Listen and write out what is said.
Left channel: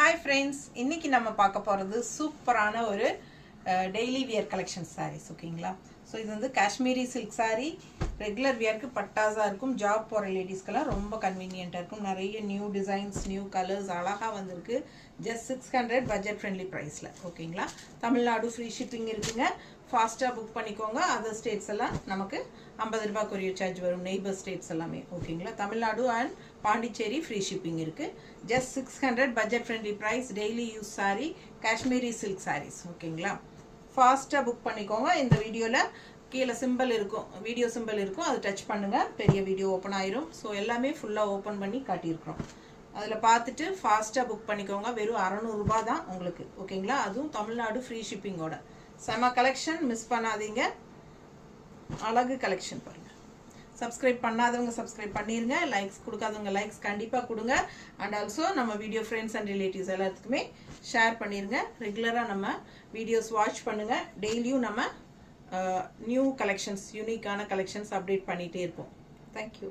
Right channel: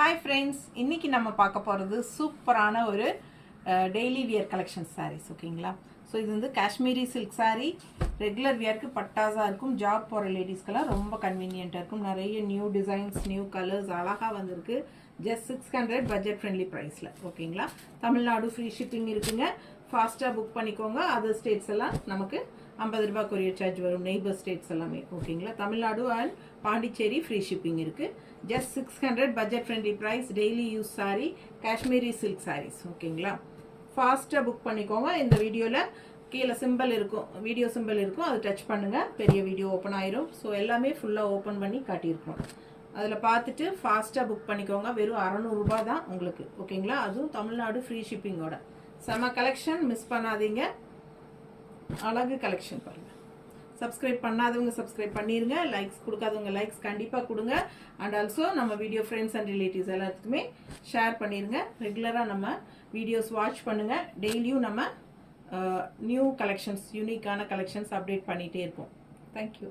Hi friends, இன்னைக்கு நம்ம பார்க்க போறது சூப்பரான ஒரு டெய்லி வியர் கலெக்ஷன் sarees ஓகேங்களா. ஸோ இது வந்து காஷ்மீரி சில்க் saree ரெகுலர் வியருக்கு பட்டாஸா இருக்கும். ஜாப் போற லேடிஸ்க்கெல்லாம் ரொம்ப கன்வீனியன்ட்டா இருக்கும். நிறைய நியூ டிசைன்ஸ் நியூ கலர்ஸ் அழகா வந்திருக்கு. ஜஸ்ட் 600 பட்ஜெட் ஃப்ரெண்ட்லி பிரைஸ்ல ஓகேங்களா. தமிழ்நாடு ஃப்ரீ ஷிப்பிங் இருக்குங்க. ஃபாஸ்ட்டாக புக் பண்ணிக்கோங்க. அதர் ஸ்டேட்ஸ் எல்லாம் நமக்கு 50 ரூபாய் கொரியர் சார்ஜ் வரும். நெய்பர் ஸ்டேட்ஸ் எல்லாமே ஓகேங்களா. Tamil Nadu and Pondicherry free shipping இருக்குது. Just 600 budget friendly price. Daily use sari Kashmiri silk saris ஓகேங்களா. ஃபாஸ்ட்டாக புக் பண்ணிக்கோங்க. இந்த வீடியோவில் கீழே சிம்பிள் இருக்கும், வீடியோ சிம்பிள் இருக்கும், அதை டச் பண்ணுங்கள், பெரிய வீடியோ ஓப்பன் ஆயிரும். ஸோ எல்லாமே ஃபுல்லாக ஓப்பன் பண்ணி காட்டியிருக்கிறோம். அதில் பார்த்துட்டு ஃபாஸ்ட்டாக புக் பண்ணிக்கோங்க. வெறும் 600 ரூபாய் தான் உங்களுக்கு ஓகேங்களா. அதுவும் தமிழ்நாடு ஃப்ரீ ஷிப்பிங்கோட செம கலெக்ஷன். மிஸ் பண்ணாதீங்க. அழகு கலெக்ஷன் பாருங்கள். சப்ஸ்கிரைப் பண்ணாதவங்க சப்ஸ்கிரைப் பண்ணிடுங்க. லைக்ஸ் கொடுக்காதவங்க லைக்ஸ் கண்டிப்பாக கொடுங்க. அண்ட் ஆல்சோ நம்ம வீடியோ ஃப்ரெண்ட்ஸ் அண்ட் ரிலேட்டிவ்ஸ் எல்லாத்துக்குமே ஷேர் பண்ணிடுங்க. ரெகுலராக நம்ம வீடியோஸ் வாட்ச் பண்ணுங்கள். டெய்லியும் நம்ம நியூ கலெக்ஷன்ஸ் யூனிக்கான கலெக்ஷன்ஸ் அப்டேட் பண்ணிகிட்டே இருப்போம். தேங்க்யூ.